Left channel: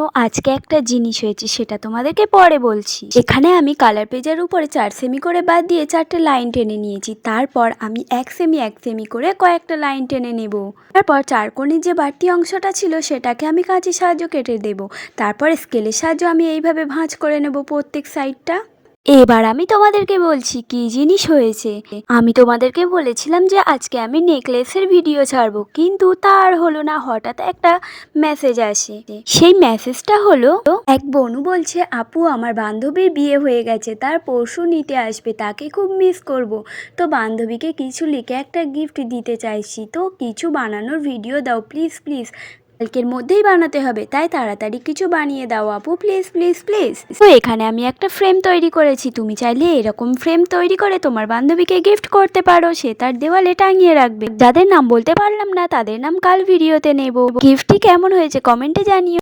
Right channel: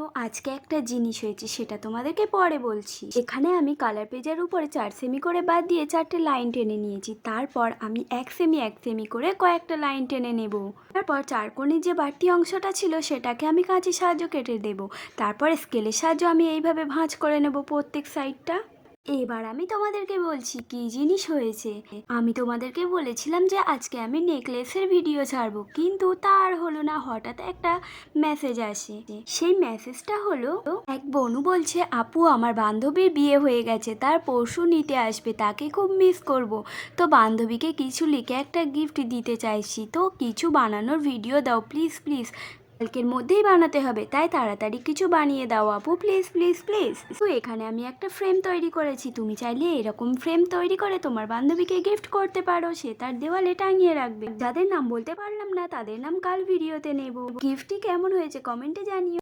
জানো আজকে একটা জিনিস হয়েছে, সেটা তোমাদেরকে পরে বলছি। এখানে আমি কালার পেজের উপরে 4 সেমি করে বাদ দিয়ে 4টে লাইন টেনে নিয়েছি। তারপর আমি 1 সেমি করে কয়েকটা লাইন টেনে নেব। তারপর চারকোণের যে বাড়তি অংশটা ছিল সেটাকে আমি কাঁচির সাহায্যে কেটে দেব। তারপর স্কেলের সাহায্যে আমি এইভাবে ভাঁজ করে নেব প্রত্যেক সাইডটা। এবার আমি তোমাদেরকে বলছি কি জিনিস হয়েছে। আমি তোমাদেরকে বলেছিলাম যে আজকে আমি নেকলেসের ভিডিও ছাড়বো, কিন্তু তার হলো না। হঠাৎ একটা মেসেজ আসে। সেই মেসেজটা হলো, এক বনু বলছে আপু আমার বান্ধবীর বিয়ে হয়ে গেছে, তার পরশু নিতে আসবে, তাকে খুব মিস করব। তো বান্ধবীকে কিছু লিখে একটা গিফট দিতে চাইছি, তো কিছু বানানোর ভিডিও দাও প্লিজ প্লিজ। কালকের মধ্যেই বানাতে হবে, তাই তাড়াতাড়ি কিছু বানিয়ে দাও আপু, প্লিজ প্লিজ প্লিজ। তো এখানে আমি একটা ফ্রেম তৈরি করেছি, তুমি চাইলে এরকম ফ্রেম তৈরি করে তোমার বান্ধবীকে গিফট করতে পারো, সে তার দেওয়ালে টাঙিয়ে রাখবে। যাদের নাম বলতে পারলাম না তাদের নাম কাল ভিডিওতে নেব। গিফটটি কেমন হয়েছে কমেন্টে জানিও।